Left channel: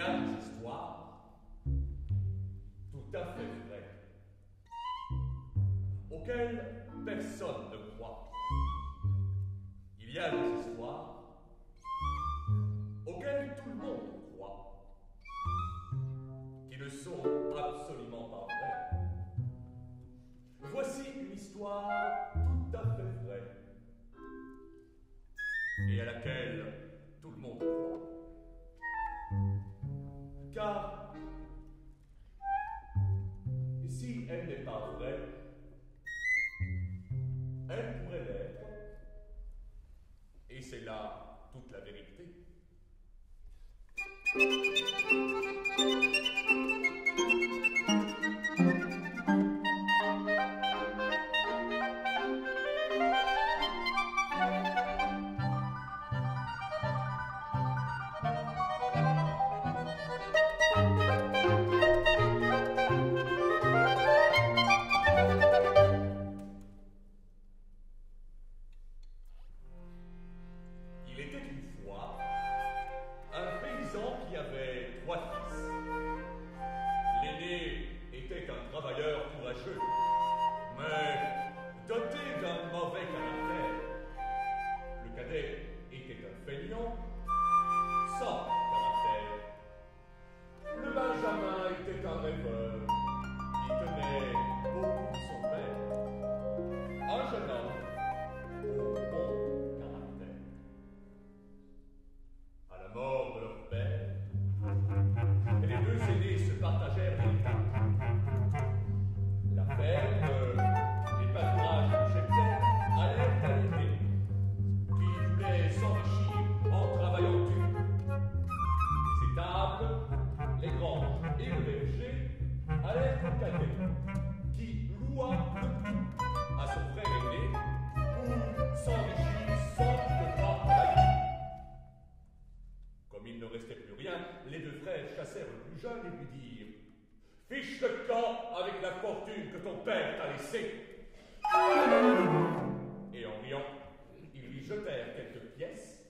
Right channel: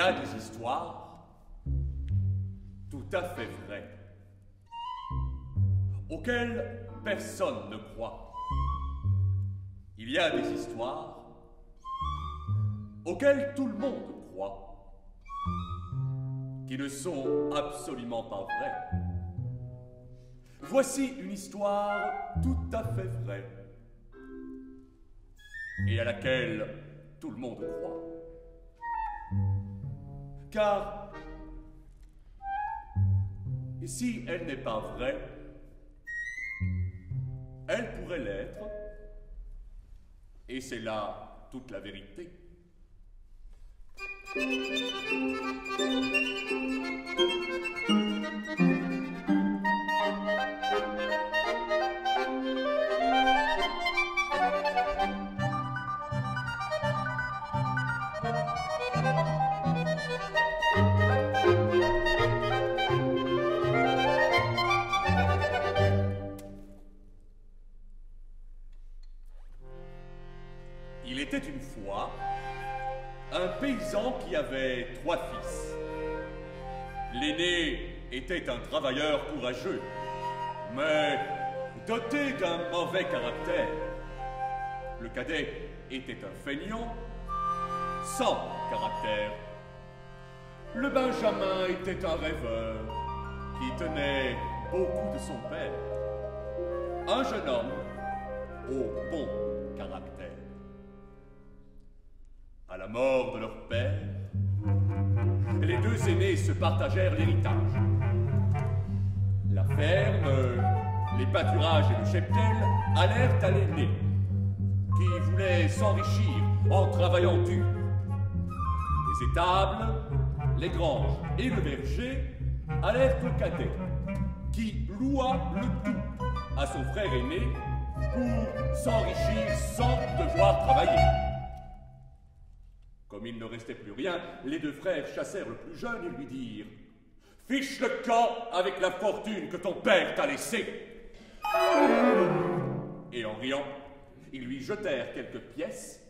a des histoires tout à fait vraies, auxquelles personne ne croit. Il y a des histoires auxquelles tout le monde croit, qui ne sont absolument pas vraies. Voici une histoire tout à fait vraie, et à laquelle tout le monde croit. Car si elle n'est pas vraie, elle pourrait l'être, et c'est là toute la vérité. Il était une fois un paysan qui avait 3 fils. L'aîné était un travailleur courageux, mais doté d'un mauvais caractère. Le cadet était un feignant, sans caractère. Le benjamin était un rêveur qui tenait beaucoup de son père. Un jeune homme au bon caractère. À la mort de leur père, les 2 aînés se partagèrent l'héritage. La ferme, les pâturages et le cheptel allèrent à l'aîné, qui voulait s'enrichir en travaillant dur. Les étables, les granges et le verger allèrent au cadet, qui loua le tout à son frère aîné pour s'enrichir sans devoir travailler. Comme il ne restait plus rien, les 2 frères chassèrent le plus jeune et lui dirent « Fiche le camp avec la fortune que ton père t'a laissée !» Et en riant, ils lui jetèrent quelques pièces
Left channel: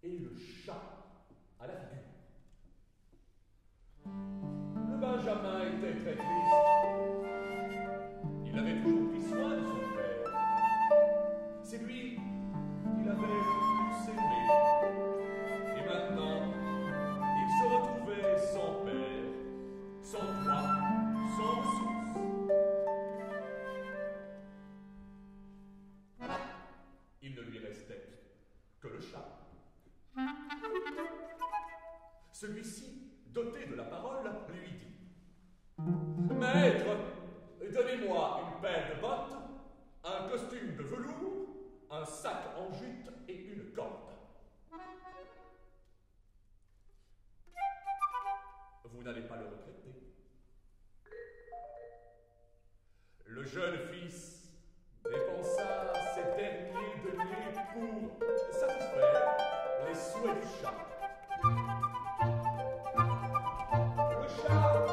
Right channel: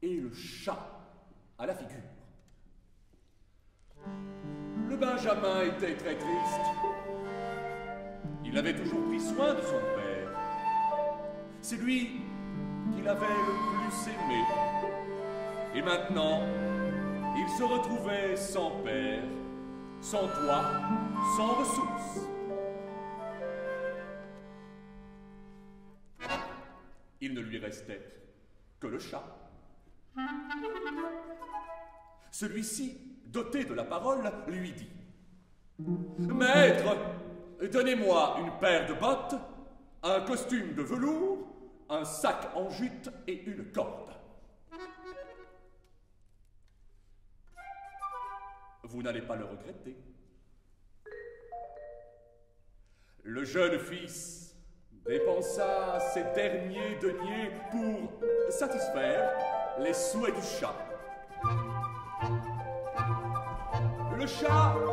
et le chat à la figure. Le benjamin était très triste. Il avait toujours pris soin de son père. C'est lui qu'il avait le plus aimé. Et maintenant, il se retrouvait sans père, sans toit, sans ressources. Il ne lui restait que le chat. Celui-ci, doté de la parole, lui dit « Maître, donnez-moi une paire de bottes, un costume de velours, un sac en jute et une corde. » Vous n'allez pas le regretter. Le jeune fils dépensa ses derniers deniers pour satisfaire les souhaits du chat. Le chat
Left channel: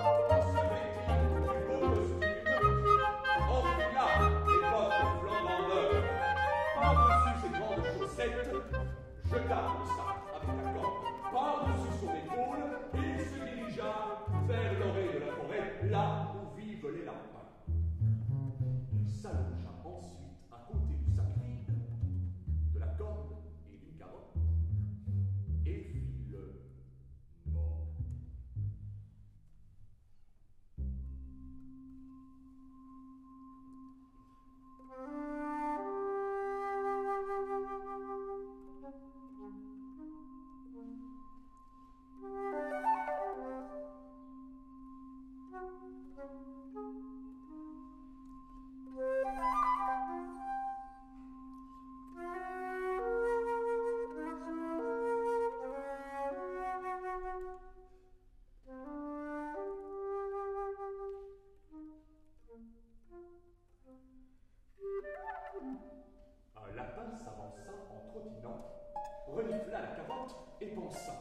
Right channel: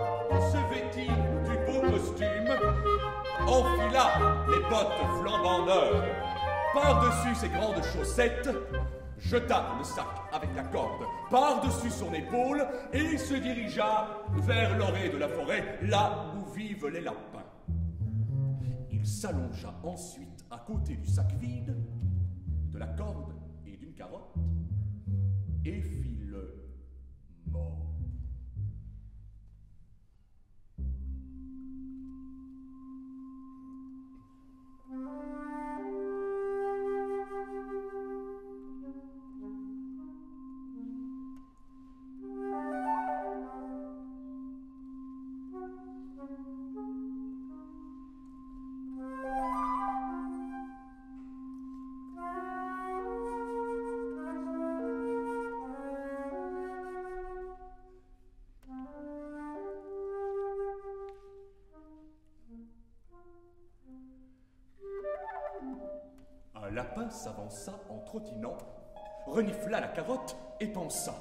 se vêtit du beau costume, enfila les bottes flambant neuves, par-dessus ses grandes chaussettes, jeta le sac avec la corde par-dessus son épaule et se dirigea vers l'orée de la forêt, là où vivent les lapins. Il s'allongea ensuite à côté du sac vide, de la corde et d'une carotte, et fit le mort. Un lapin s'avança en trottinant, renifla la carotte et pensa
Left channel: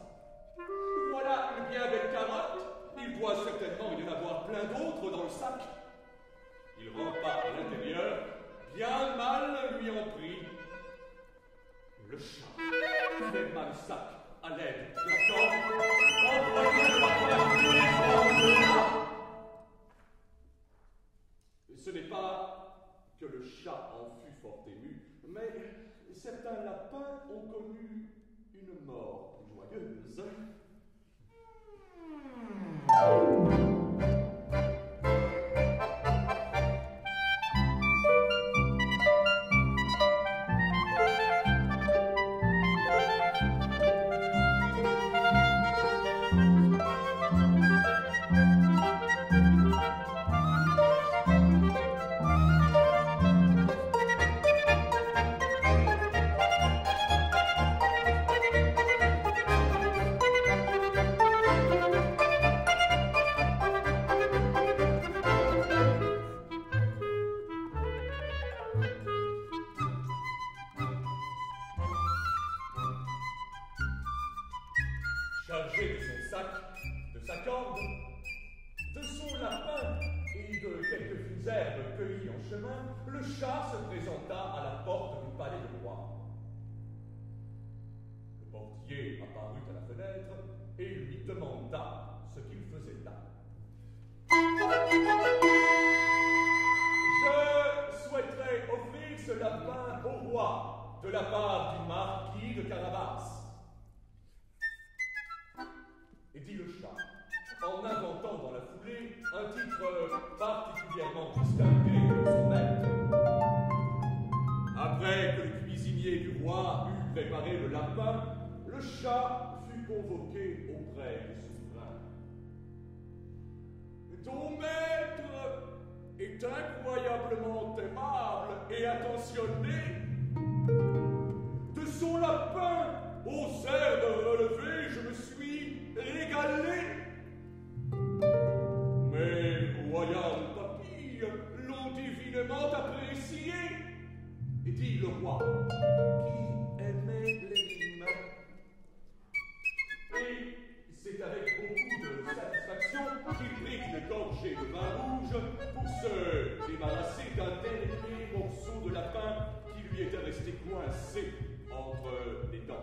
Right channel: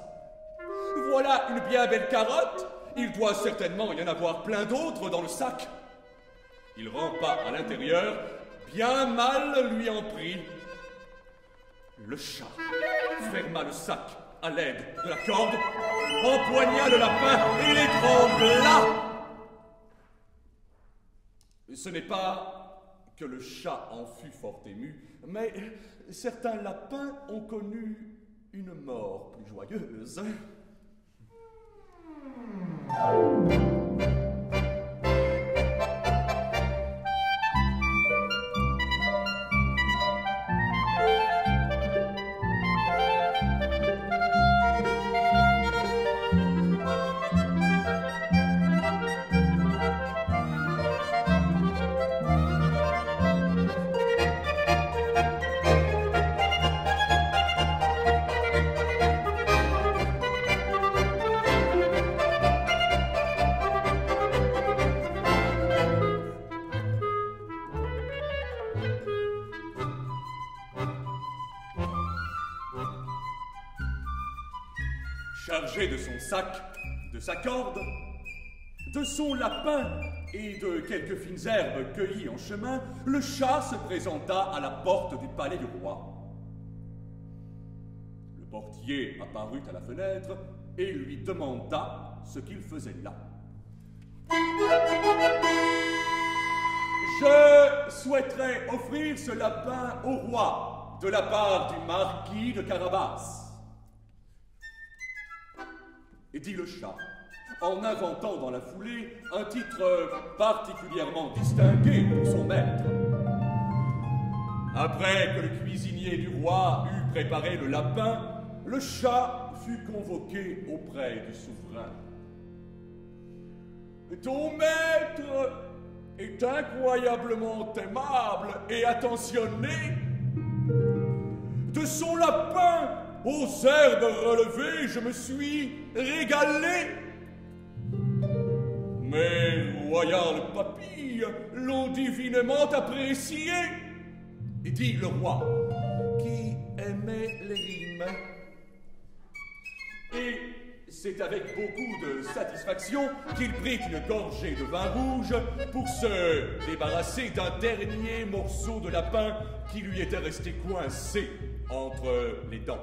« Voilà une bien belle carotte, il doit certainement y en avoir plein d'autres dans le sac. » Il rampa à l'intérieur, bien mal lui en prit. Le chat ferma le sac à l'aide de la corde, empoigna le lapin et l'étrangla. Ce n'est pas que le chat en fut fort ému, mais certains lapins ont connu une mort plus joyeuse. Chargé de son sac, de sa corde, de son lapin et de quelques fines herbes cueillies en chemin, le chat se présenta à la porte du palais du roi. Le portier apparut à la fenêtre et lui demanda ce qu'il faisait là. Je souhaiterais offrir ce lapin au roi, de la part du marquis de Carabas. Et dit le chat, en inventant dans la foulée un titre particulièrement distingué pour son maître. Après que le cuisinier du roi eut préparé le lapin, le chat fut convoqué auprès du souverain. Ton maître est incroyablement aimable et attentionné. De son lapin aux airs de relevé, je me suis régalé. Mes royales papilles l'ont divinement apprécié, dit le roi, qui aimait les rimes. Et c'est avec beaucoup de satisfaction qu'il prit une gorgée de vin rouge pour se débarrasser d'un dernier morceau de lapin qui lui était resté coincé entre les dents.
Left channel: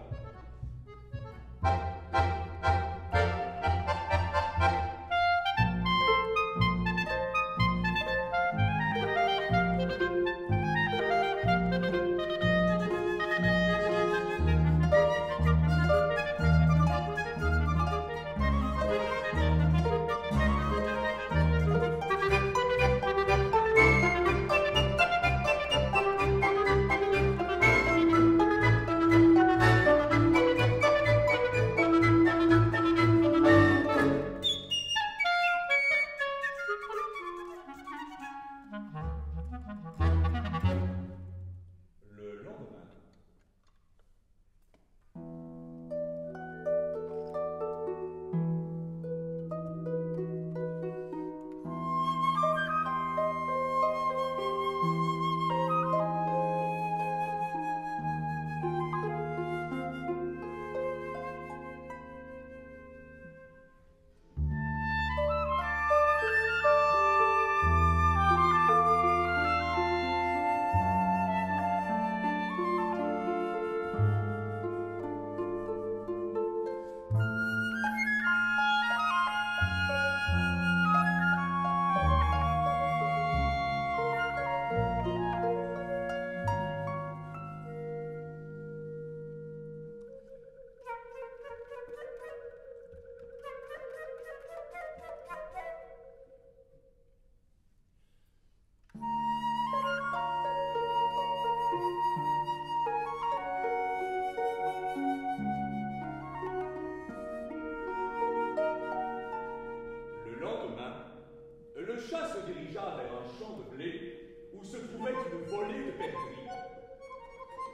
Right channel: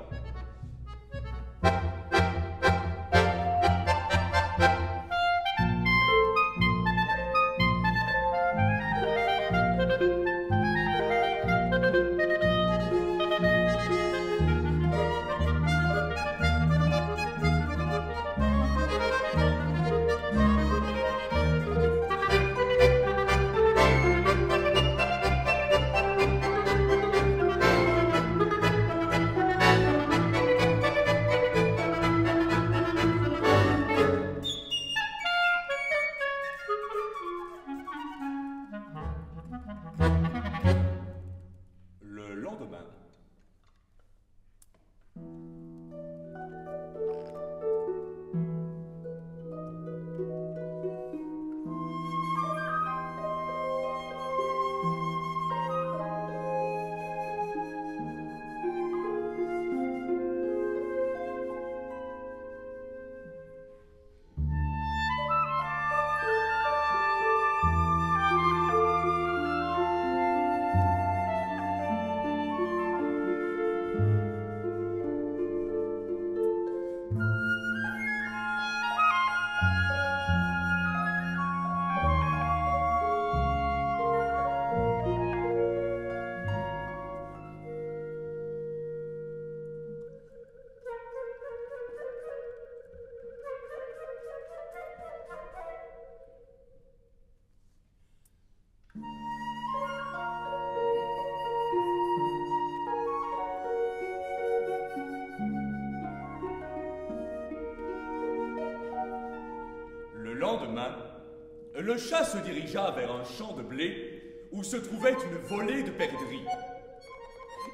Le chat se dirigea vers un champ de blé où se trouvait une volée de perdrix.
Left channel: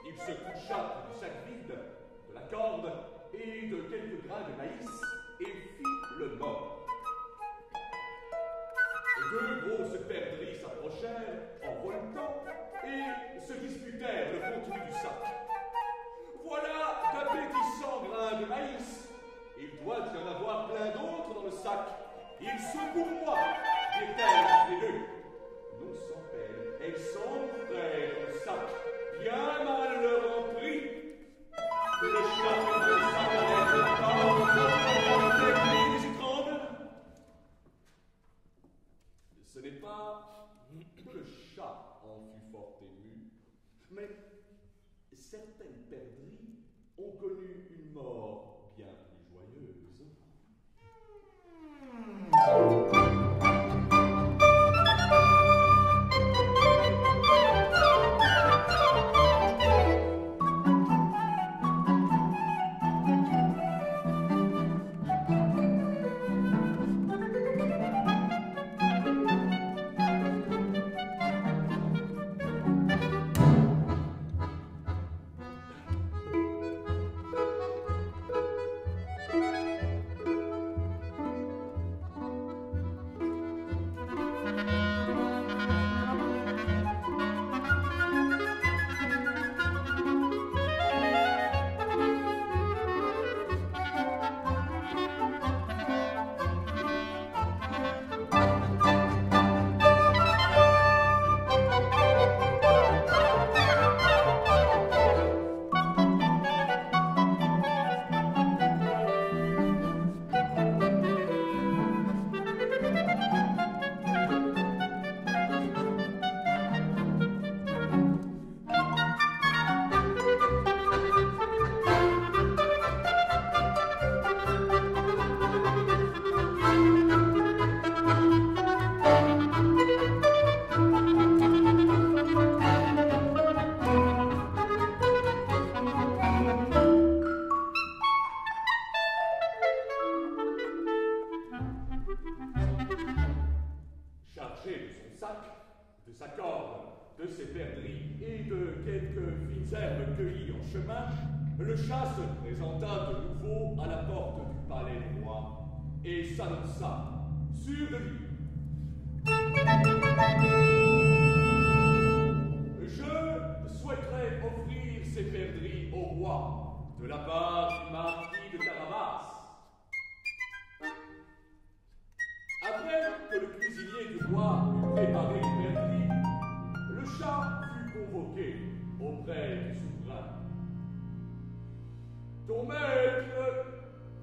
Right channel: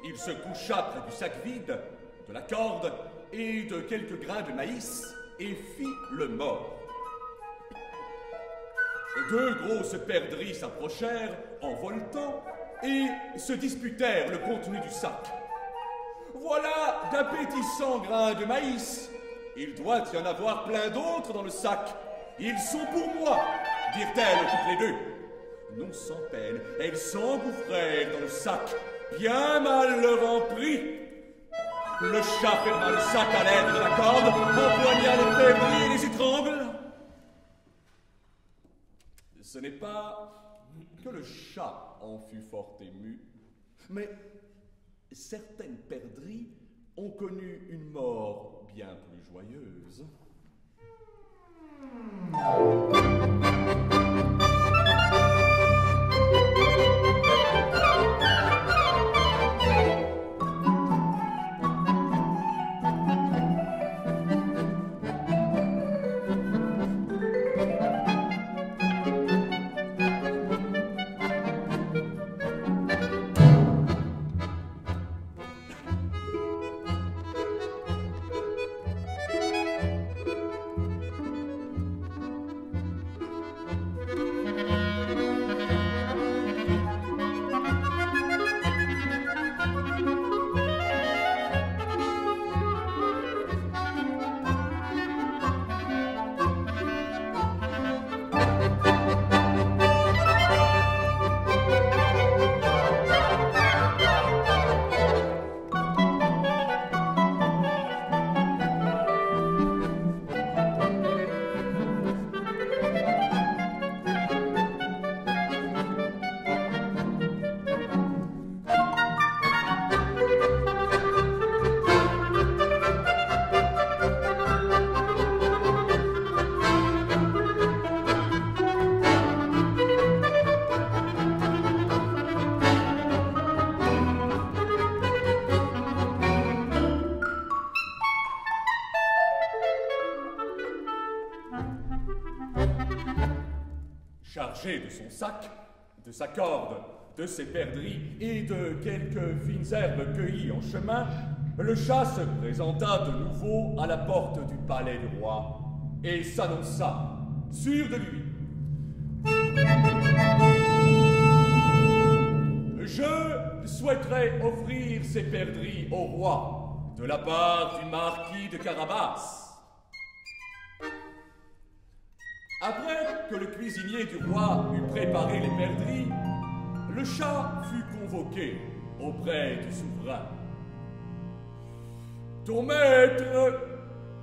Il se coucha près du sac vide, de la corde et de quelques grains de maïs et fit le mort. Deux grosses perdrix s'approchèrent en voletant et se disputèrent le contenu du sac. Voilà d'appétissants grains de maïs. Il doit y en avoir plein d'autres dans le sac. Ils sont pour moi, dirent-elles toutes les deux. Non sans peine, elles s'engouffrèrent dans le sac, bien mal leur en prit. Le chat ferma le sac à l'aide de la corde, empoigna les perdrix et les étrangle. Ce n'est pas que le chat en fut fort ému, mais certaines perdrix ont connu une mort bien plus joyeuse. Chargé de son sac, de sa corde, de ses perdrix et de quelques fines herbes cueillies en chemin, le chat se présenta de nouveau à la porte du palais du roi et s'annonça, sûr de lui. Je souhaiterais offrir ces perdrix au roi, de la part du marquis de Carabas. Après que le cuisinier du roi eut préparé les perdrix, le chat fut convoqué auprès du souverain. Ton maître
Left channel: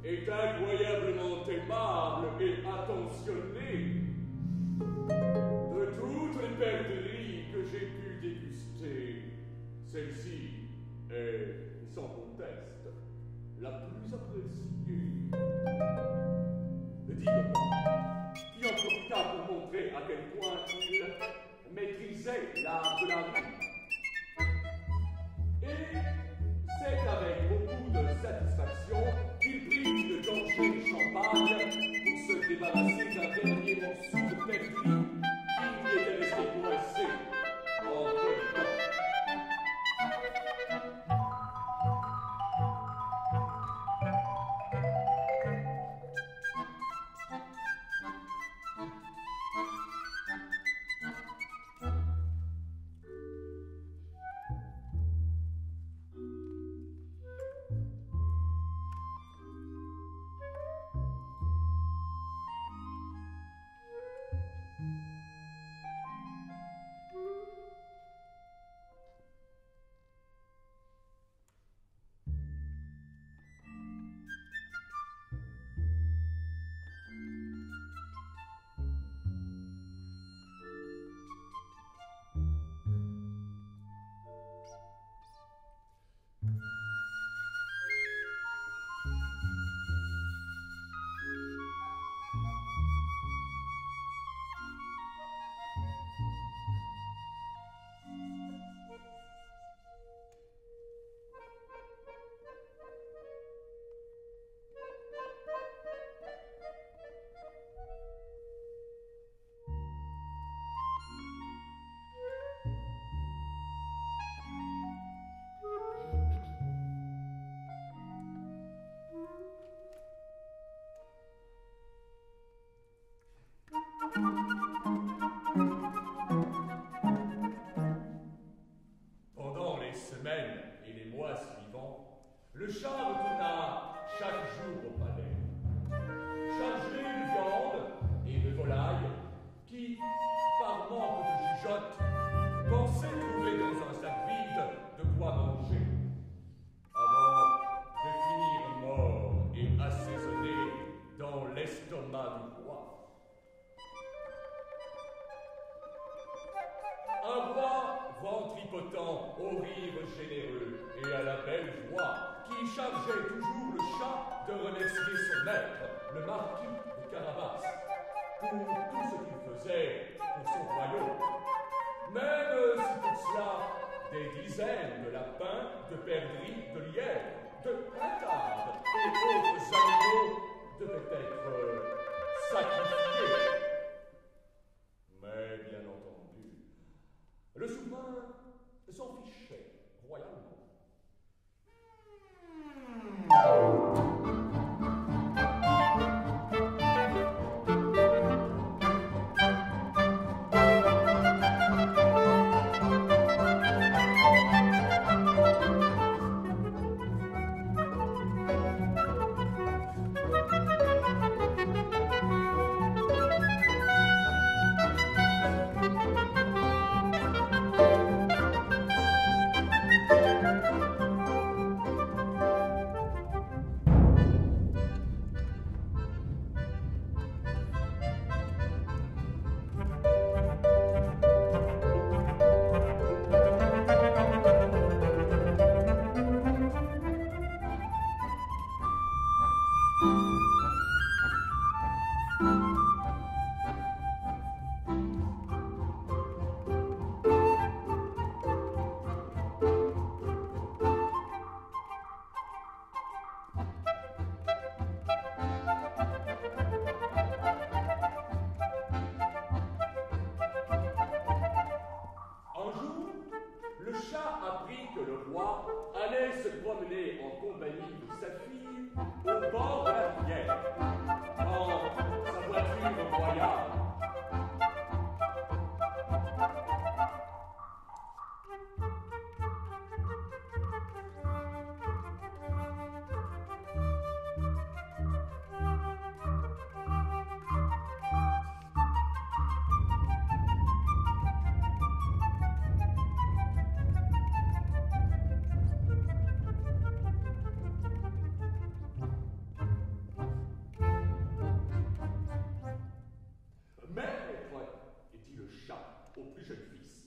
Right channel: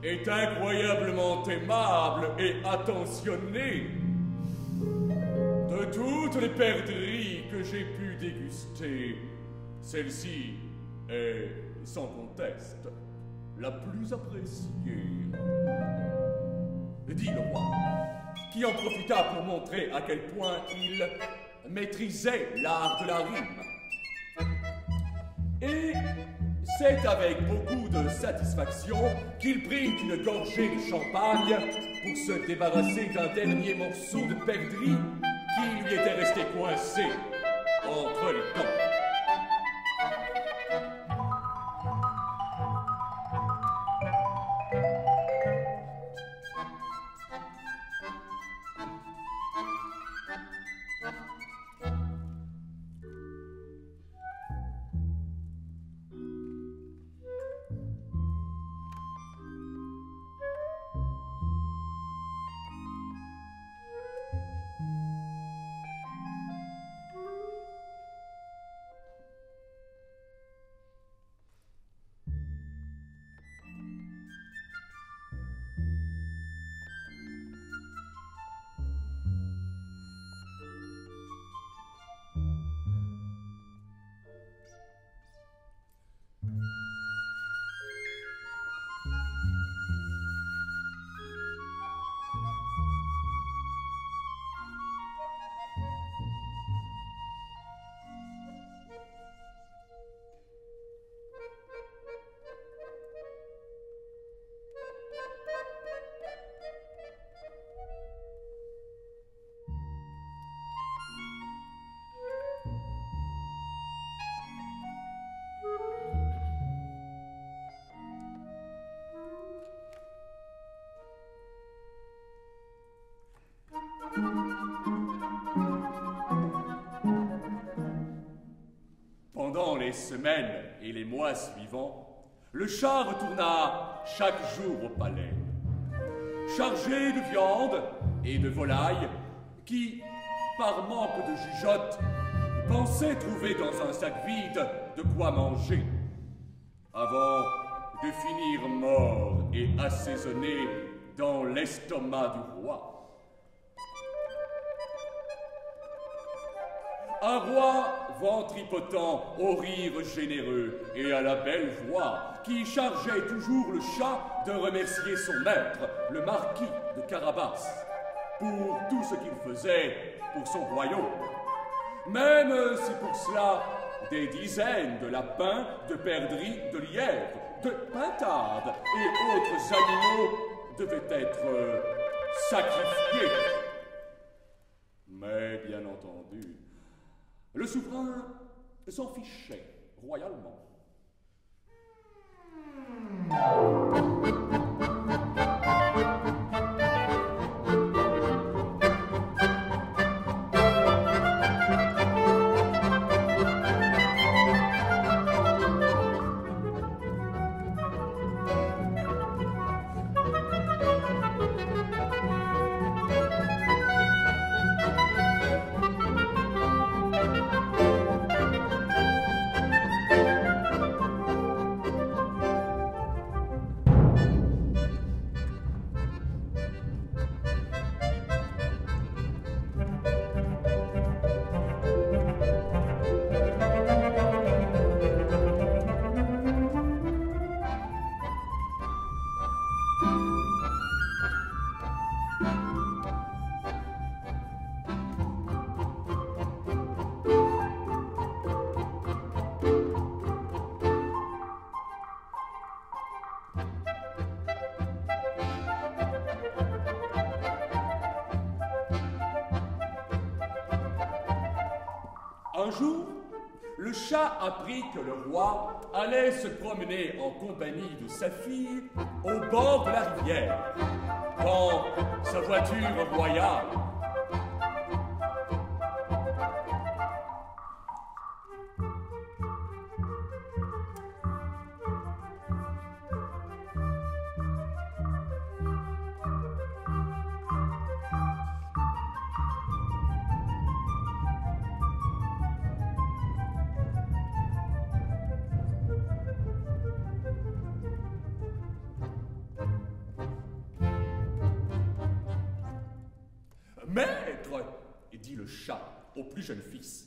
est incroyablement aimable et attentionné. De toutes les perdrix que j'ai pu déguster, celle-ci est, sans conteste, la plus appréciée. Dit le roi, qui en profita pour montrer à quel point il maîtrisait l'art de la rime. Et c'est avec beaucoup de satisfaction qu'il prit une gorgée de champagne pour se débarrasser d'un dernier morceau de perdrix qui lui était resté coincé entre les dents. Pendant les semaines et les mois suivants, le chat retourna chaque jour au palais, chargé de viande et de volaille qui, par manque de jugeote, pensait trouver dans un sac vide de quoi manger, avant assaisonnée dans l'estomac du roi. Un roi ventripotent au rire généreux et à la belle voix, qui chargeait toujours le chat de remercier son maître, le marquis de Carabas, pour tout ce qu'il faisait pour son royaume. Même si pour cela, des dizaines de lapins, de perdrix, de lièvres, de pintardes et autres animaux devaient être sacrifiés. Mais bien entendu, le souverain s'en fichait royalement. Un jour, le chat apprit que le roi allait se promener en compagnie de sa fille au bord de la rivière, dans sa voiture royale. Maître, dit le chat au plus jeune fils,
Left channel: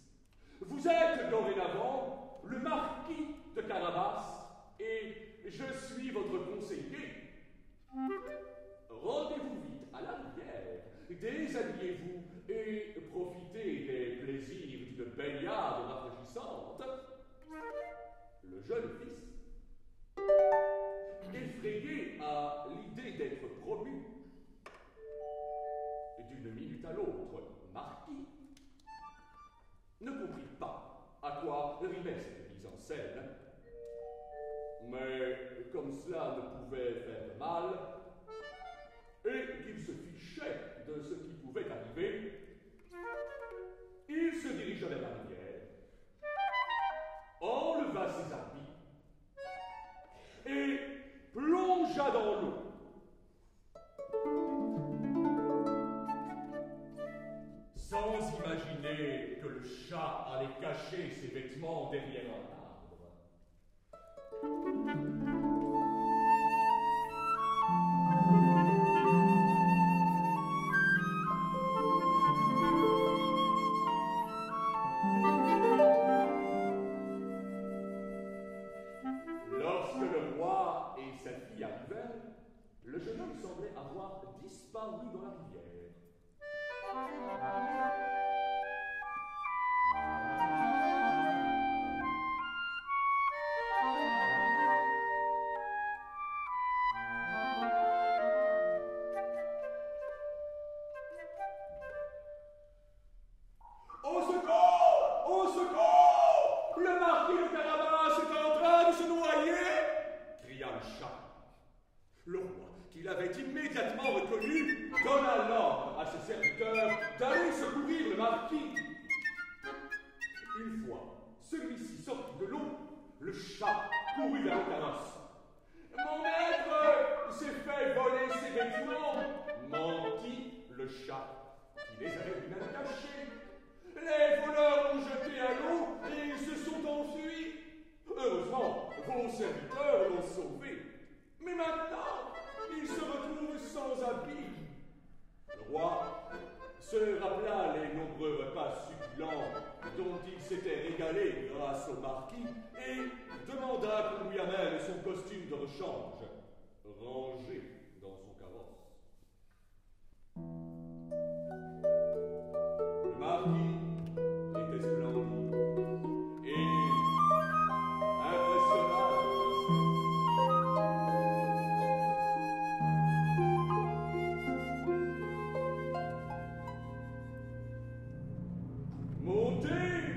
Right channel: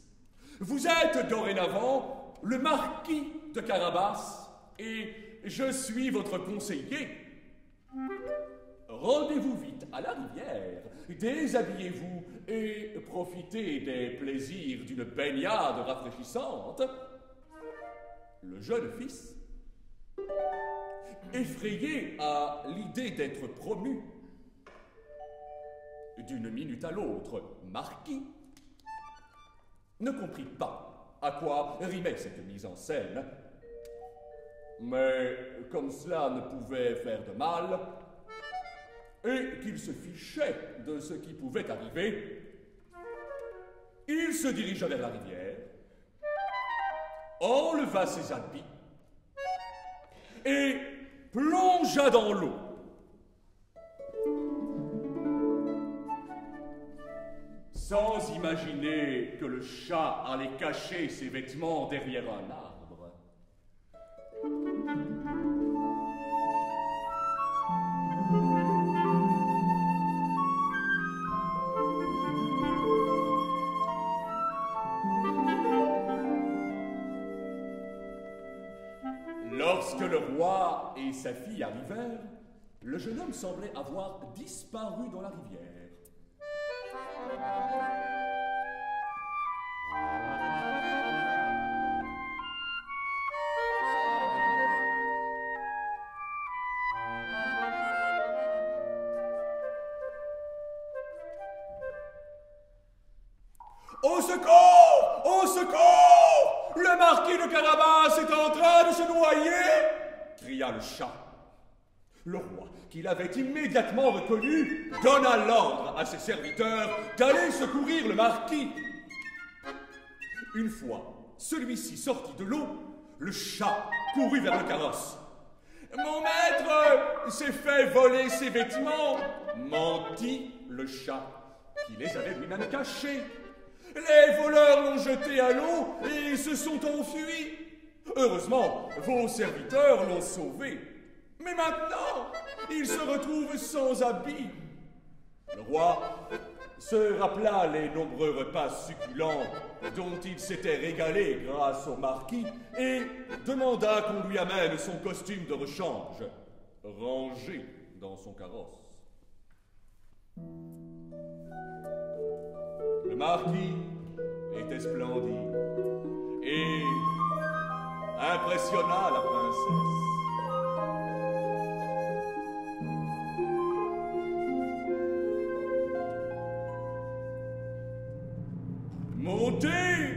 vous êtes dorénavant le marquis de Carabas et je suis votre conseiller. Rendez-vous vite à la rivière, déshabillez-vous et profitez des plaisirs d'une baignade rafraîchissante. Le jeune fils, effrayé à l'idée d'être promu, d'une minute à l'autre, marquis, ne comprit pas à quoi rimait cette mise en scène. Mais comme cela ne pouvait faire de mal, et qu'il se fichait de ce qui pouvait arriver, il se dirigea vers la rivière, enleva ses habits et plongea dans l'eau. Sans imaginer que le chat allait cacher ses vêtements derrière un arbre. Lorsque le roi et sa fille arrivèrent, le jeune homme semblait avoir disparu dans la rivière. Au secours! Au secours! Le marquis de Carabas est en train de se noyer! Cria le chat. Le roi, qui l'avait immédiatement reconnu, donna l'ordre à ses serviteurs d'aller secourir le marquis. Une fois celui-ci sorti de l'eau, le chat courut vers le carrosse. « Mon maître s'est fait voler ses vêtements !» mentit le chat, qui les avait lui-même cachés. « Les voleurs l'ont jeté à l'eau et se sont enfuis. Heureusement, vos serviteurs l'ont sauvé. Mais Mais maintenant, il se retrouve sans habit. Le roi se rappela les nombreux repas succulents dont il s'était régalé grâce au marquis et demanda qu'on lui amène son costume de rechange, rangé dans son carrosse. Le marquis était splendide et impressionna la princesse. Montez,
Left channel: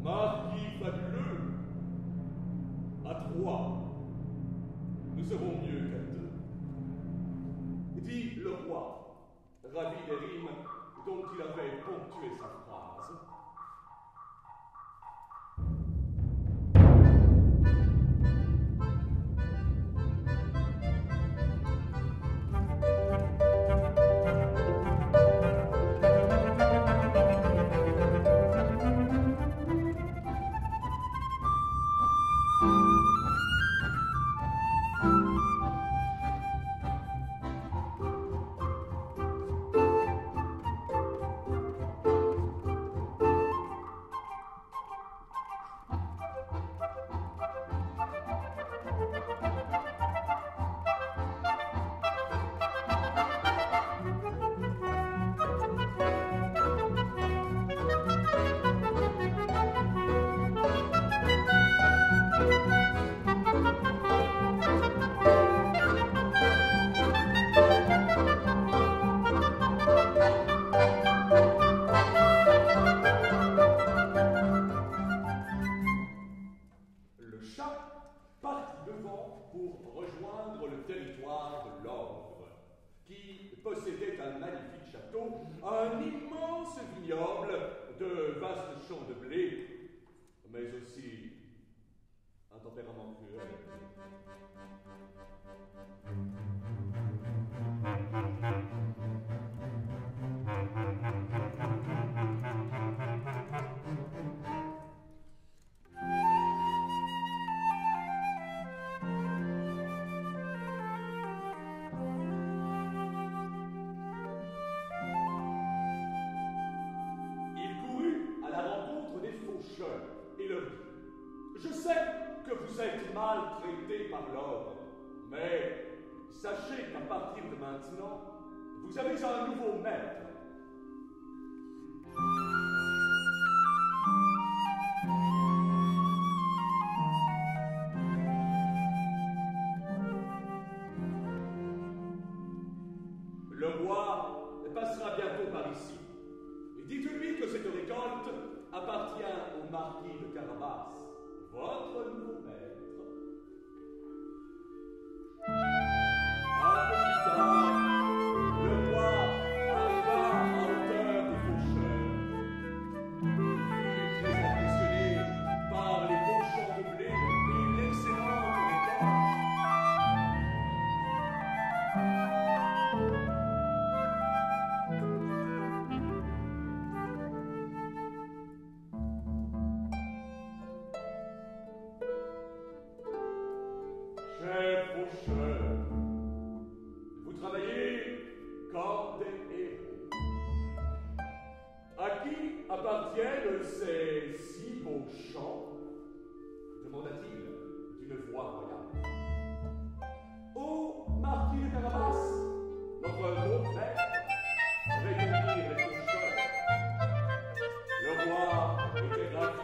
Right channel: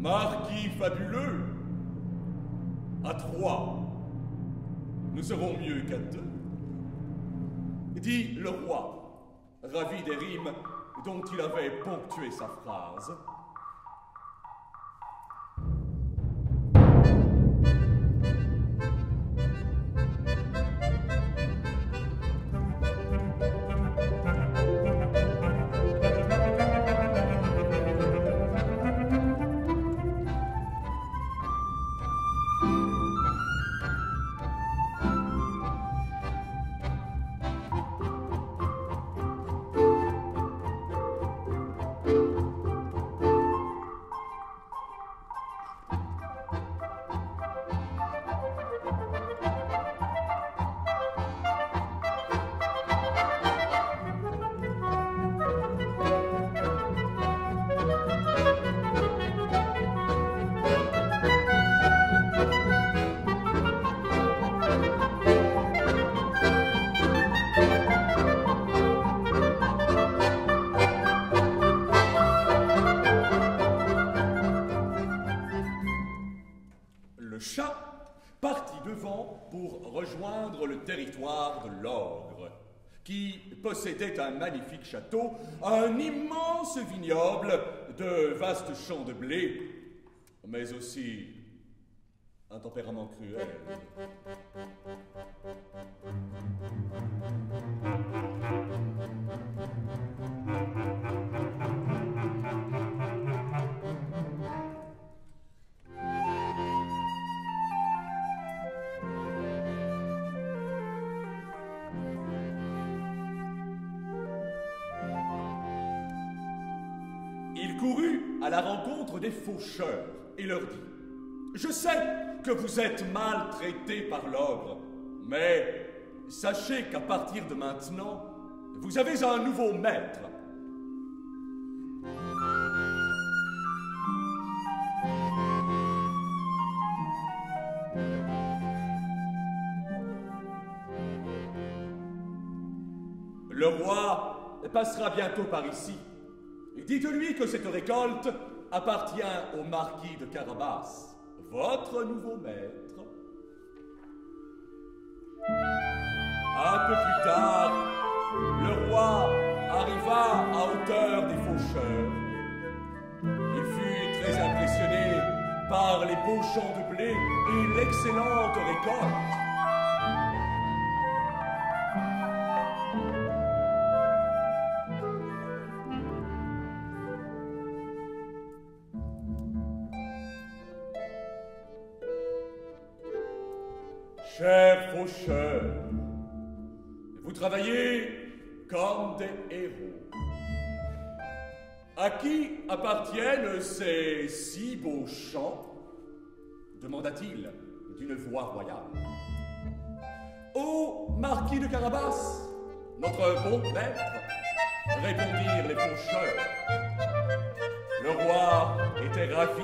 marquis fabuleux. À 3, nous serons mieux qu'à 2, dit le roi, ravi des rimes dont il avait ponctué sa phrase. Le chat partit devant pour rejoindre le territoire de l'ogre, qui possédait un magnifique château, un immense vignoble, de vastes champs de blé, mais aussi un tempérament cruel. Il courut à la rencontre des faucheurs et leur dit: « Je sais que vous êtes maltraités par l'ogre, mais sachez qu'à partir de maintenant, vous avez un nouveau maître. » Le roi passera bientôt par ici. Dites-lui que cette récolte appartient au marquis de Carabas, votre nouveau maître. Un peu plus tard, le roi arriva à hauteur des faucheurs. Il fut très impressionné par les beaux champs de blé et l'excellente récolte. Chers faucheurs, vous travaillez comme des héros. À qui appartiennent ces si beaux champs? Demanda-t-il d'une voix royale. Au marquis de Carabas, notre bon maître, répondirent les faucheurs. Le roi était ravi.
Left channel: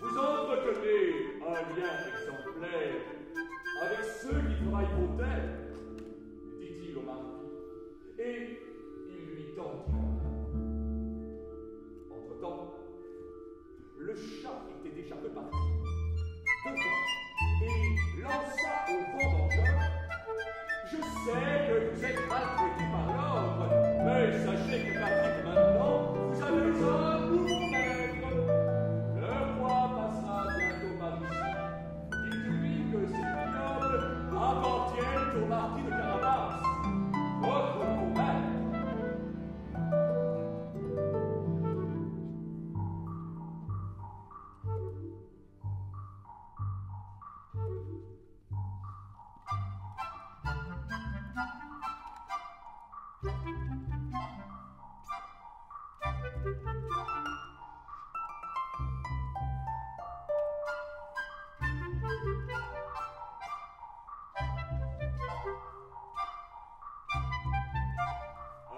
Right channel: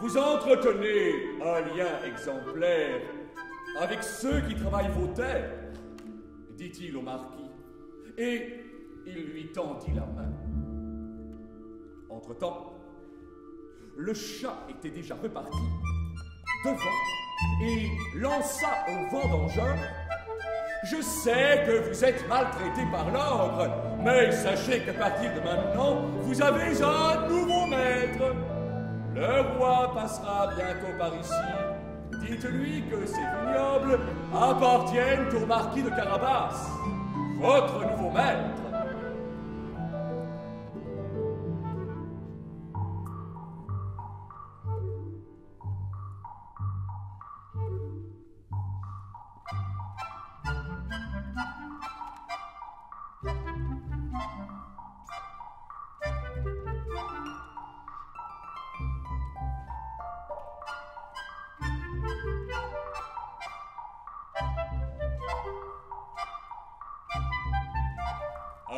Vous entretenez un lien exemplaire avec ceux qui travaillent vos terres, dit-il au marquis, et il lui tendit la main. Entre-temps, le chat était déjà reparti devant et lança au vendangeur: « Je sais que vous êtes maltraité par l'ogre, mais sachez qu'à partir de maintenant, vous avez un nouveau maître. Le roi passera bientôt par ici. Dites-lui que ces vignobles appartiennent au marquis de Carabas, votre nouveau maître. »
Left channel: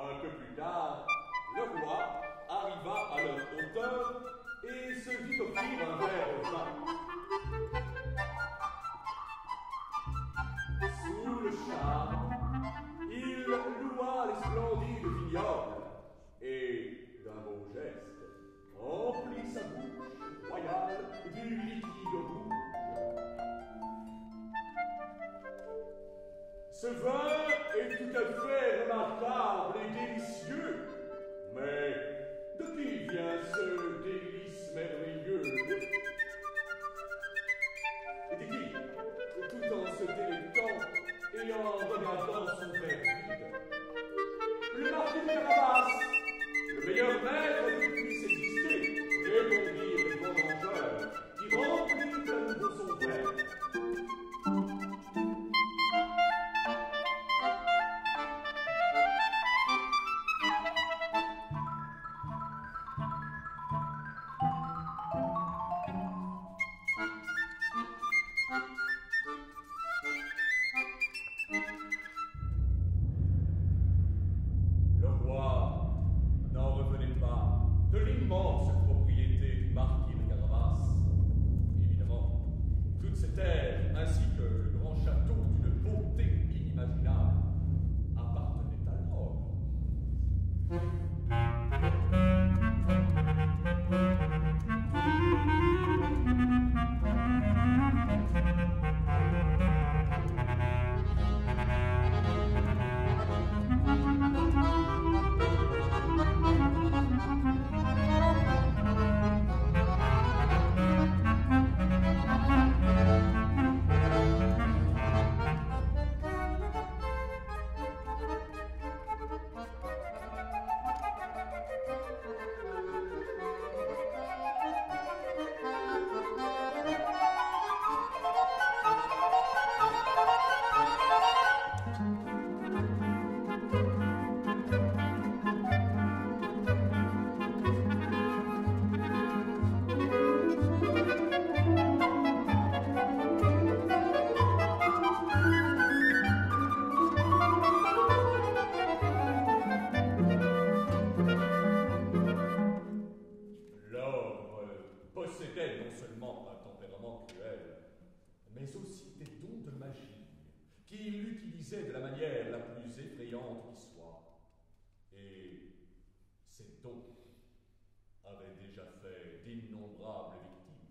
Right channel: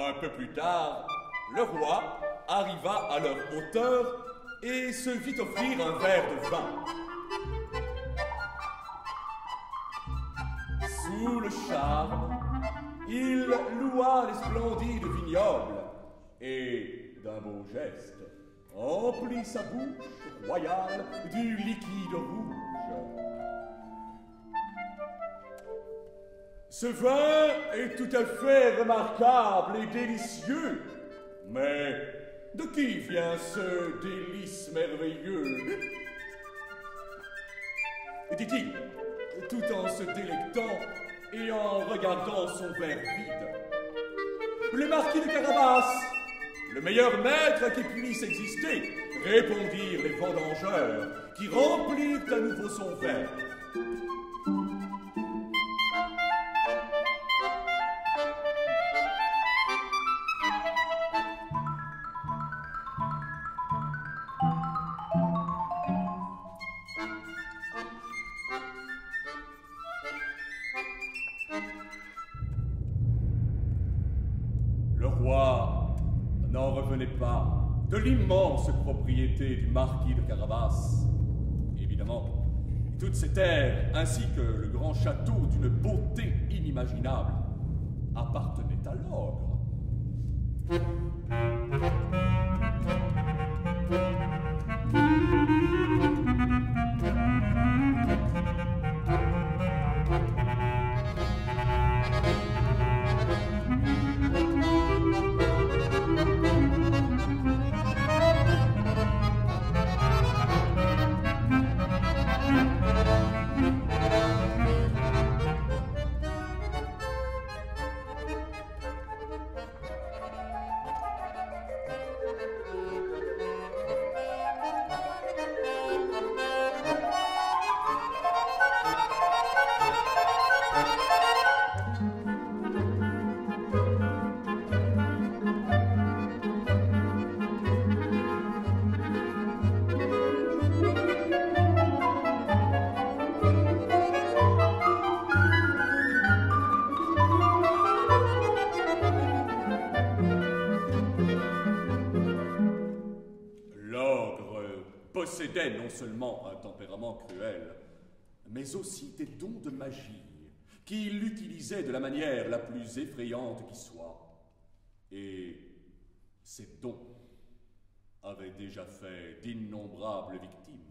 Un peu plus tard, le roi arriva à leur hauteur et se vit offrir un verre de vin. Sous le charme, il loua les splendides vignobles et, d'un beau geste, remplit sa bouche royale du liquide rouge. Ce vin est tout à fait remarquable et délicieux, mais de qui vient ce délice merveilleux? Dit-il, tout en se délectant et en regardant son verre vide. Le marquis de Carabas, le meilleur maître qui puisse exister, répondirent les vendangeurs, qui remplirent à nouveau son verre. Le roi n'en revenait pas de l'immense propriété du marquis de Carabas. Évidemment, toutes ces terres, ainsi que le grand château d'une beauté inimaginable, appartenaient à l'ogre. Possédait non seulement un tempérament cruel, mais aussi des dons de magie qu'il utilisait de la manière la plus effrayante qui soit. Et ces dons avaient déjà fait d'innombrables victimes.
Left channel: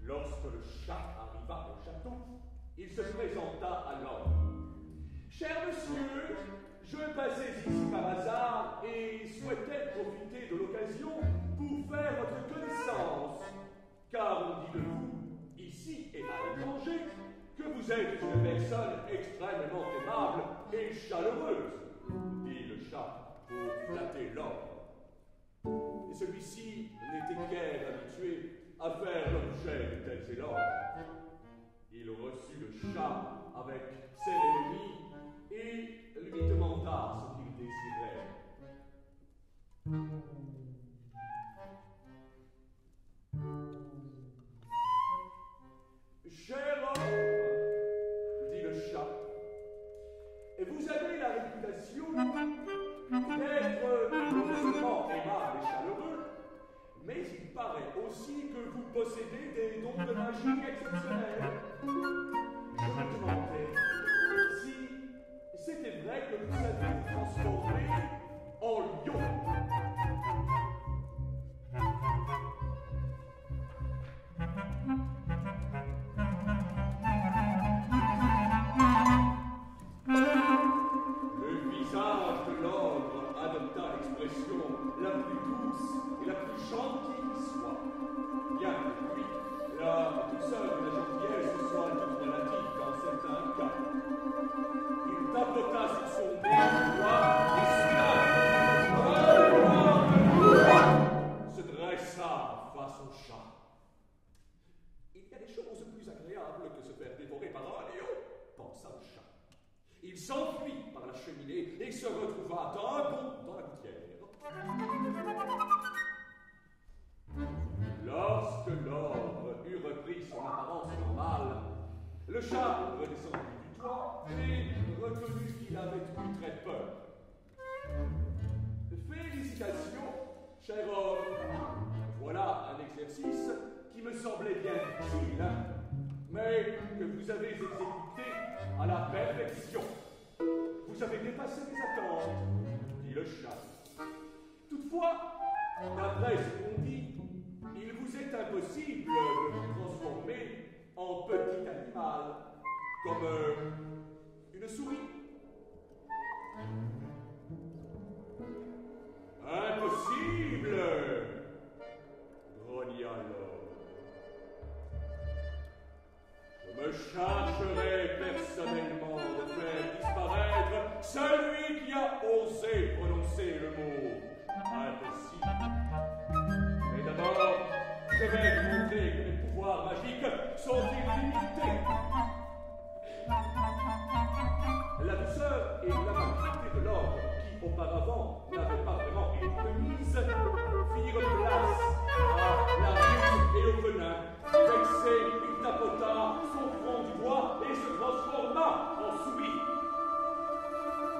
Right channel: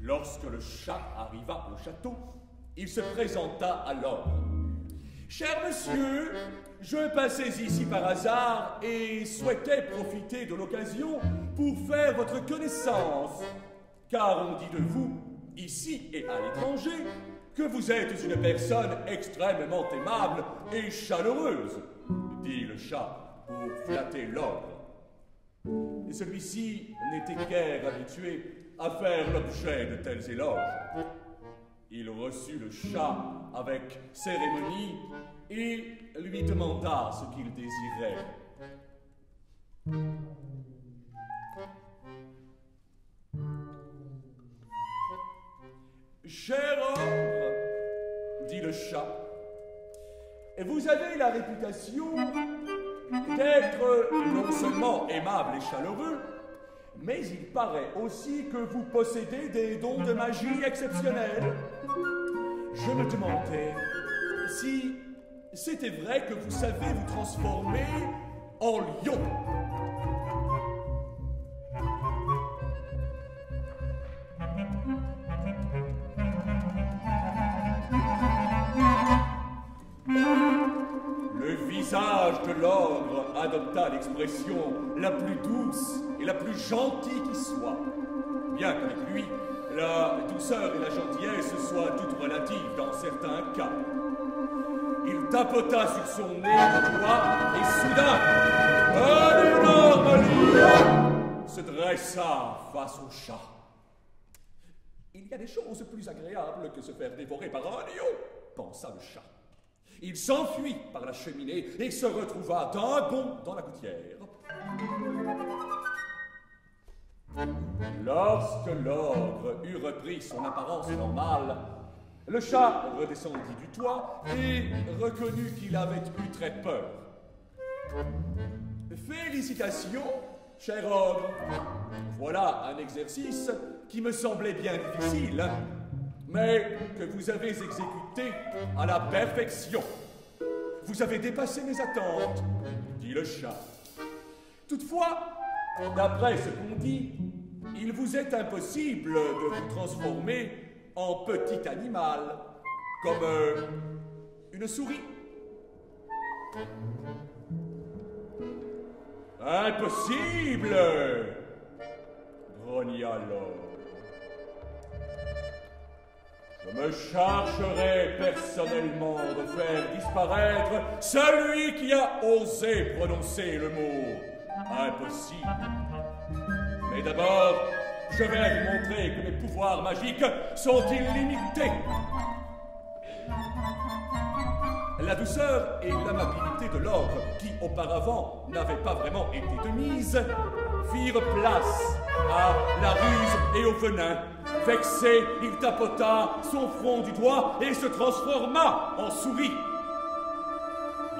Lorsque le chat arriva au château, il se présenta à l'ogre. Cher monsieur, je passais ici par hasard et souhaitais profiter de l'occasion pour faire votre connaissance. Car on dit de vous, ici et à l'étranger, que vous êtes une personne extrêmement aimable et chaleureuse, dit le chat pour flatter l'ogre. Et celui-ci n'était guère habitué à faire l'objet de tels éloges. Il reçut le chat avec cérémonie et lui demanda ce qu'il désirait. Cher ogre, dit le chat, vous avez la réputation d'être non seulement aimable et chaleureux, mais il paraît aussi que vous possédez des dons de magie exceptionnels. Je me demandais si c'était vrai que vous savez vous transformer en lion. Le visage de l'ogre adopta l'expression la plus douce et la plus gentille qui soit, bien qu'avec lui, la douceur et la gentillesse soient toutes relatives dans certains cas. Il tapota sur son nez du doigt et soudain, un énorme lion se dressa face au chat. Il y a des choses plus agréables que se faire dévorer par un lion, pensa le chat. Il s'enfuit par la cheminée et se retrouva d'un bond dans la gouttière. Lorsque l'ogre eut repris son apparence normale, le chat redescendit du toit et reconnut qu'il avait eu très peur. Félicitations, cher ogre. Voilà un exercice qui me semblait bien difficile, mais que vous avez exécuté à la perfection. Vous avez dépassé mes attentes, dit le chat. Toutefois, d'après ce qu'on dit, il vous est impossible de vous transformer en petit animal, comme une souris. Impossible, grogna l'ogre. Je me chargerai personnellement de faire disparaître celui qui a osé prononcer le mot impossible. Mais d'abord, je vais vous montrer que mes pouvoirs magiques sont illimités. La douceur et l'amabilité de l'ogre, qui auparavant n'avaient pas vraiment été de mise, firent place à la ruse et au venin. Vexé, il tapota son front du doigt et se transforma en souris.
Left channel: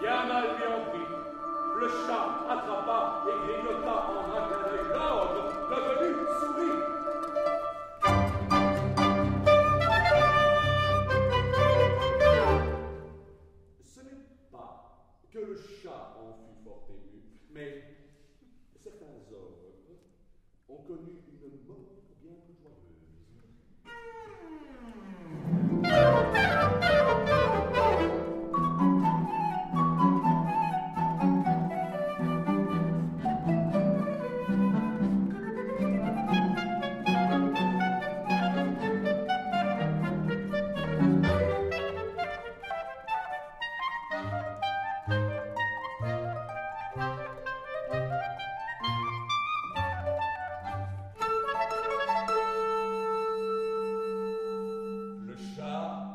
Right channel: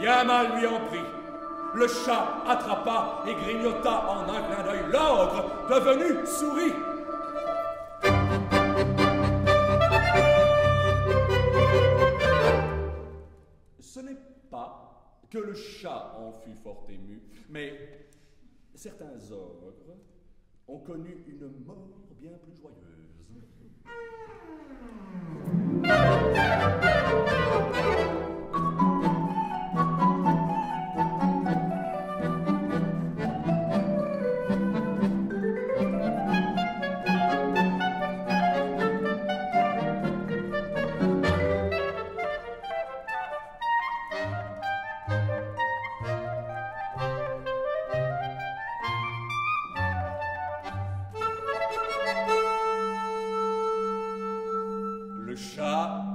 Bien mal lui en prit. Le chat attrapa et grignota en un clin d'œil l'ogre, devenu souris. Ce n'est pas que le chat en fut fort ému, mais certains ogres ont connu une mort bien plus joyeuse.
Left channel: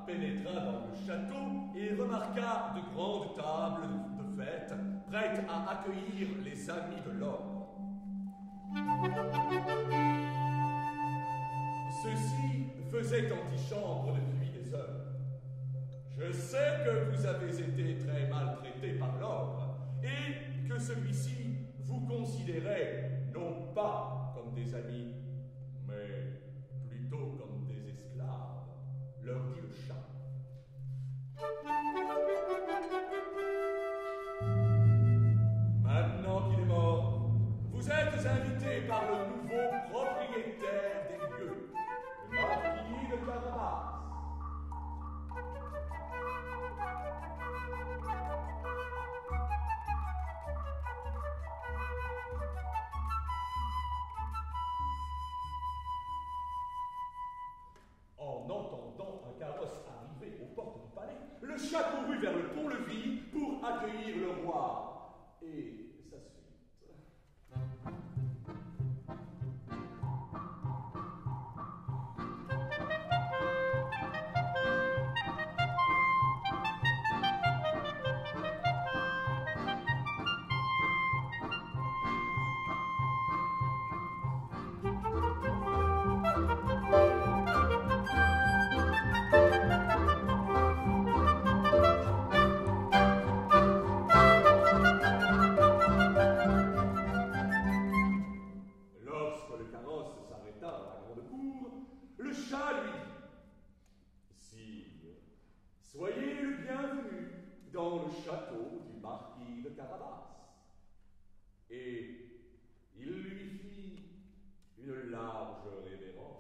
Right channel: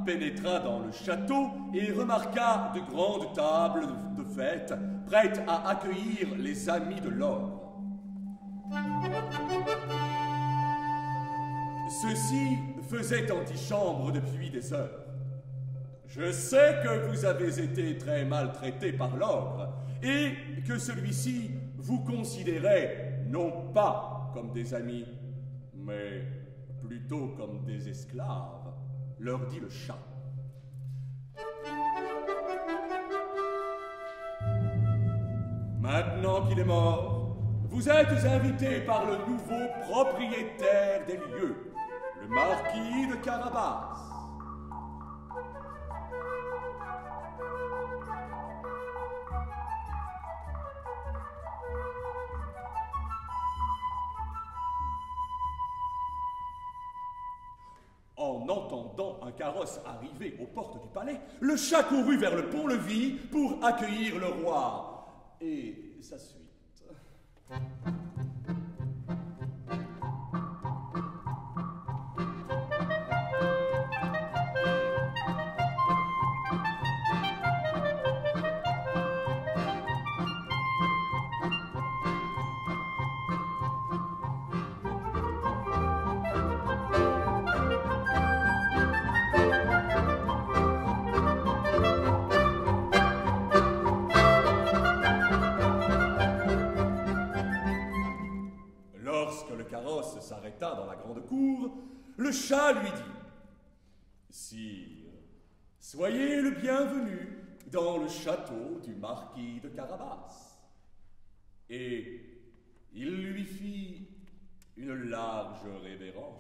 Pénétra dans le château et remarqua de grandes tables de fête prêtes à accueillir les amis de l'ogre. Ceux-ci faisaient antichambre depuis des heures. Je sais que vous avez été très maltraités par l'ogre et que celui-ci vous considérait non pas comme des amis, mais plutôt comme des esclaves, leur dit le chat. Maintenant qu'il est mort, vous êtes invités par le nouveau propriétaire des lieux, le marquis de Carabas. En entendant un carrosse arriver aux portes du palais, le chat courut vers le pont-levis pour accueillir le roi. Et sa suite. Dans la grande cour, le chat lui dit: Sire, soyez le bienvenu dans le château du marquis de Carabas. Et il lui fit une large révérence.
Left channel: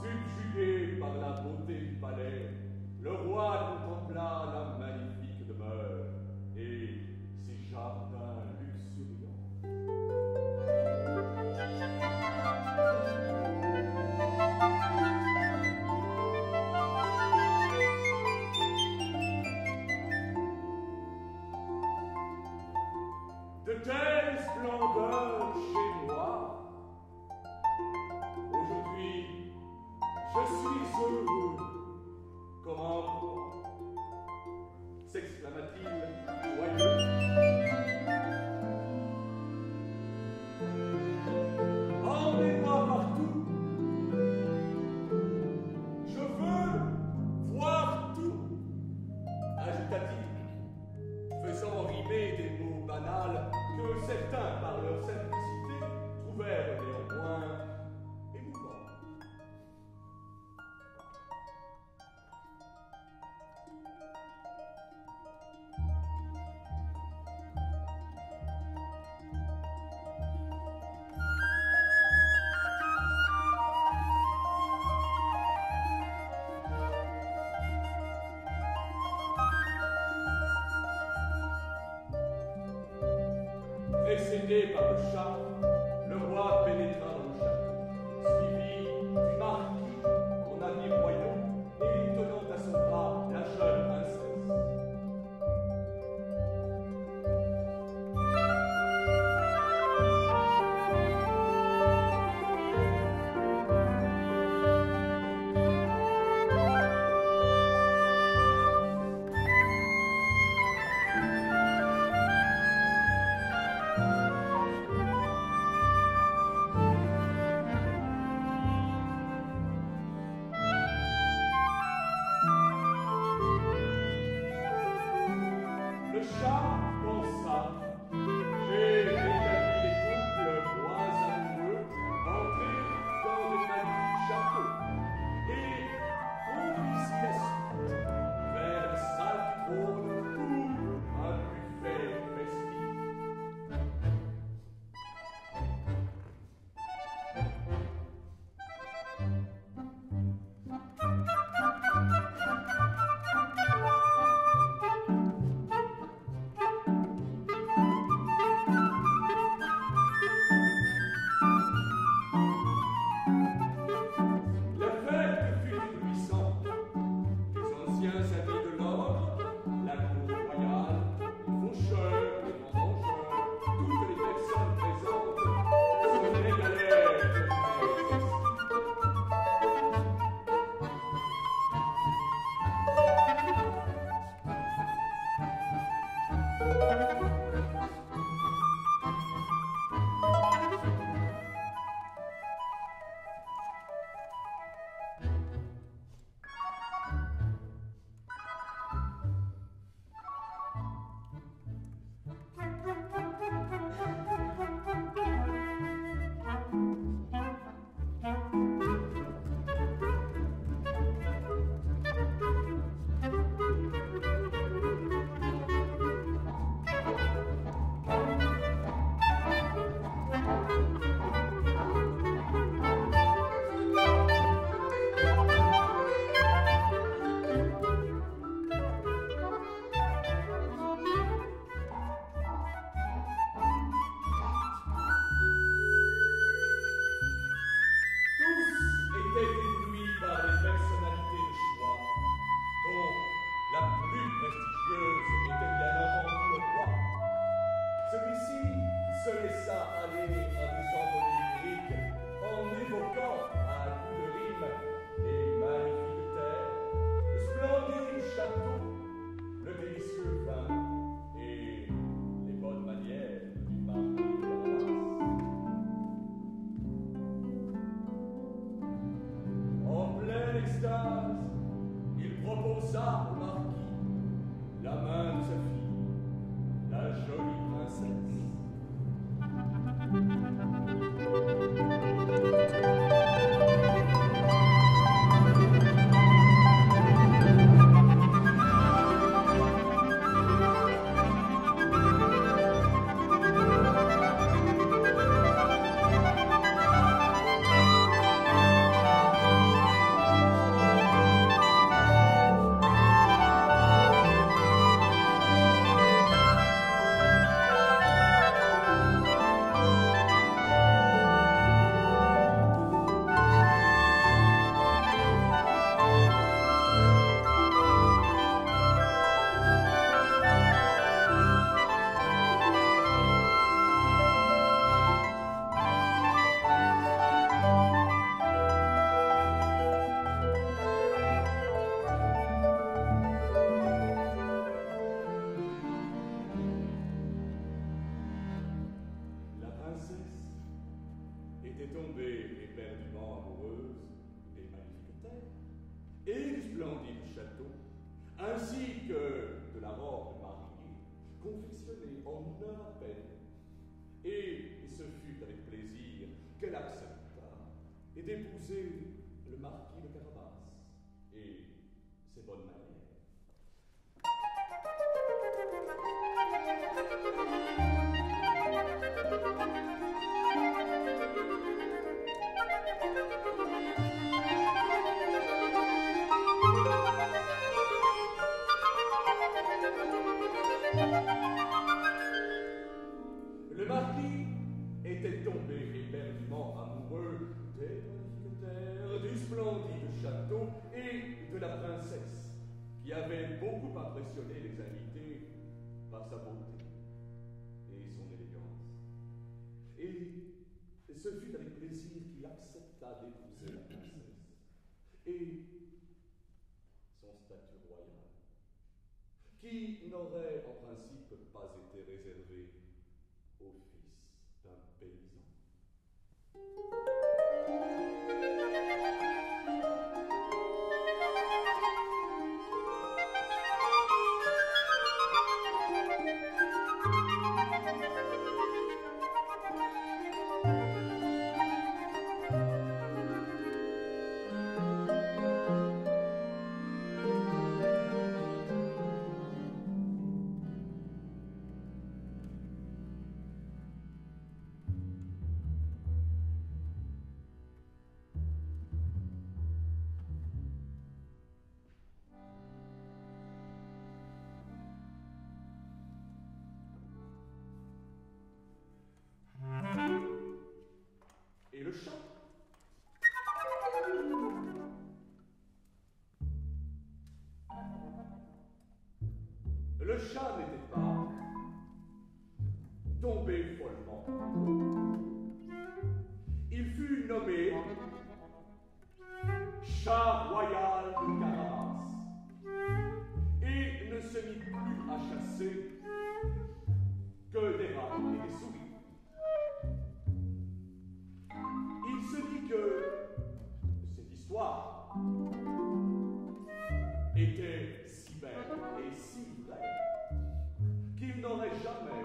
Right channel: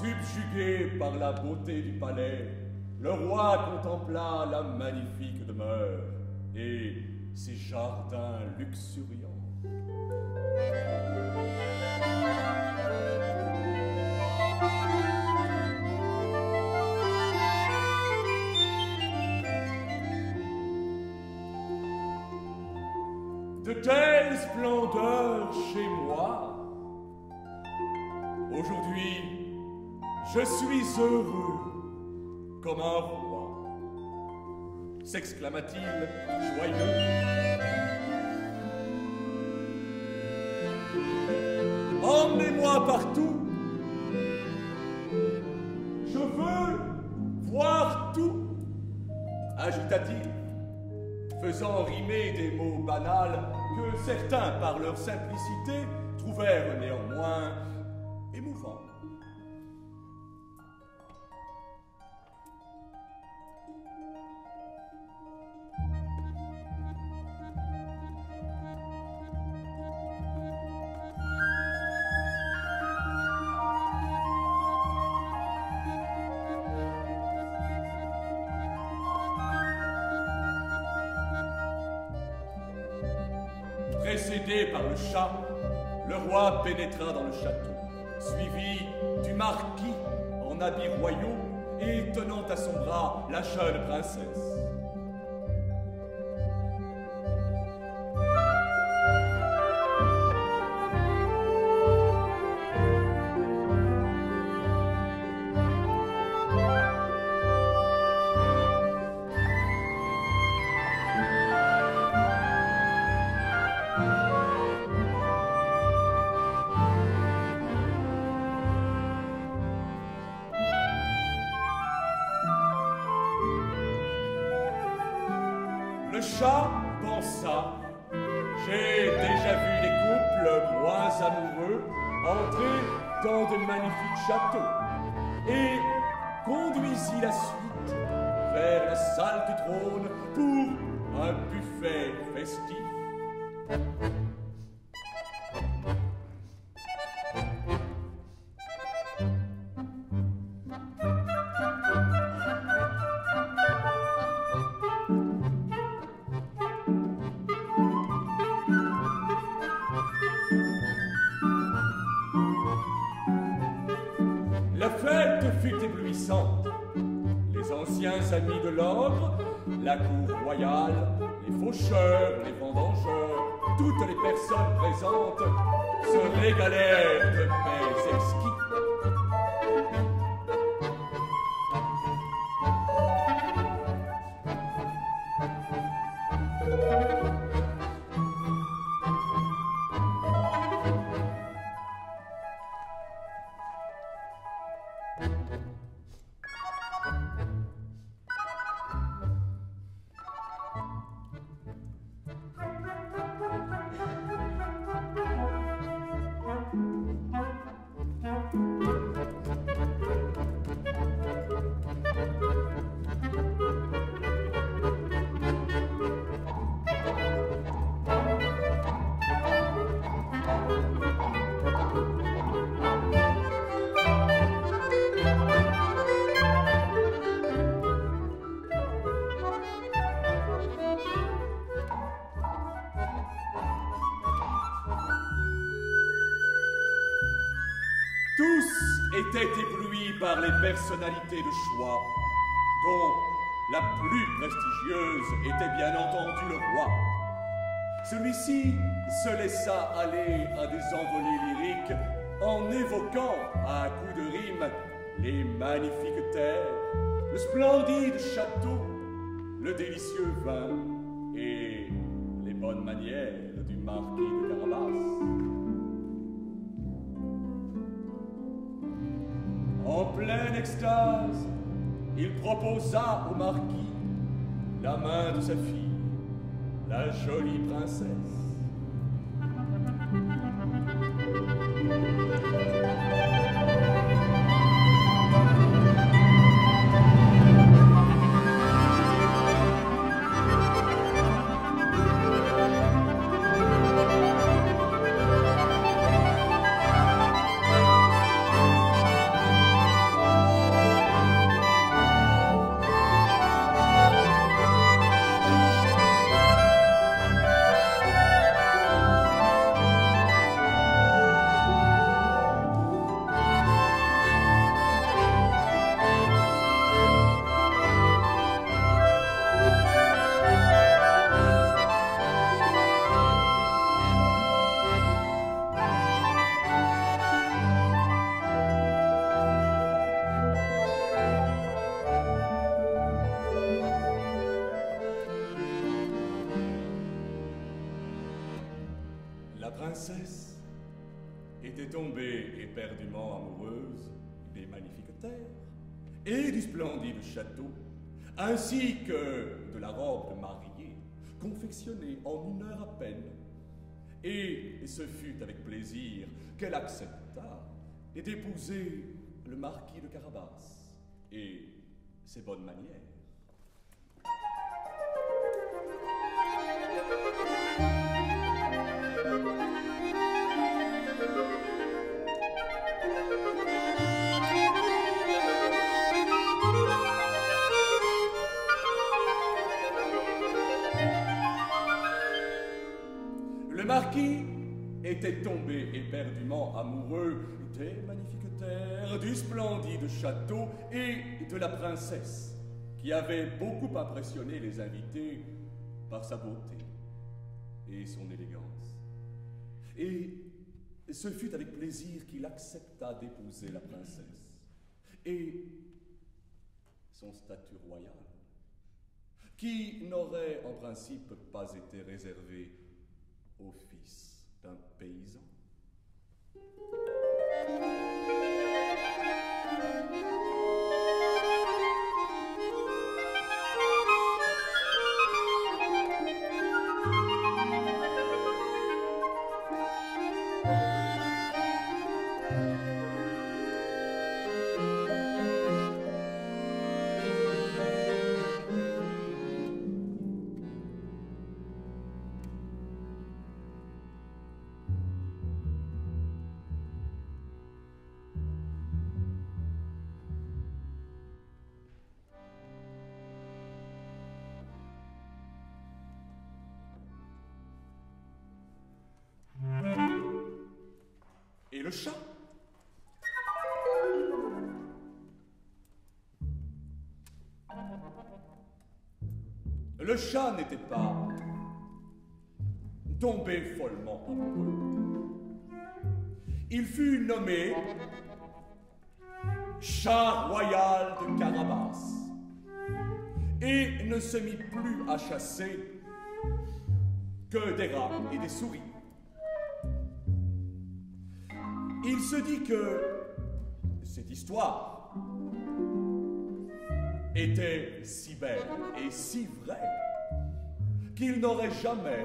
Subjugué par la beauté du palais, le roi contempla la magnifique demeure et ses jardins luxuriants. De telles splendeurs chez moi. Aujourd'hui, je suis heureux comme un roi, s'exclama-t-il joyeux. Emmenez-moi partout. Je veux voir tout, ajouta-t-il, faisant rimer des mots banals que certains, par leur simplicité, trouvèrent néanmoins émouvants. Précédé par le chat, le roi pénétra dans le château, suivi du marquis en habits royaux et tenant à son bras la jeune princesse. Le chat pensa: j'ai déjà vu des couples moins amoureux entrer dans de magnifiques châteaux, et conduisit la suite vers la salle du trône pour un buffet festif. La fête fut éblouissante. Les anciens amis de l'ordre, la cour royale, les faucheurs, les vendangeurs, toutes les personnes présentes se régalèrent de mets exquis. Tous étaient éblouis par les personnalités de choix, dont la plus prestigieuse était bien entendu le roi. Celui-ci se laissa aller à des envolées lyriques en évoquant, à coups de rime, les magnifiques terres, le splendide château, le délicieux vin et les bonnes manières du marquis de Carabas. En pleine extase, il proposa au marquis la main de sa fille, la jolie princesse. La princesse était tombée éperdument amoureuse des magnifiques terres et du splendide château, ainsi que de la robe de mariée, confectionnée en 1 heure à peine. Et ce fut avec plaisir qu'elle accepta d'épouser le marquis de Carabas et ses bonnes manières. Le marquis était tombé éperdument amoureux des magnifiques terres, du splendide château et de la princesse, qui avait beaucoup impressionné les invités par sa beauté et son élégance. Et ce fut avec plaisir qu'il accepta d'épouser la princesse et son statut royal, qui n'aurait en principe pas été réservé au fils d'un paysan. Et le chat? Le chat n'était pas tombé follement amoureux. Il fut nommé chat royal de Carabas et ne se mit plus à chasser que des rats et des souris. Il se dit que cette histoire était si belle et si vraie qu'il n'aurait jamais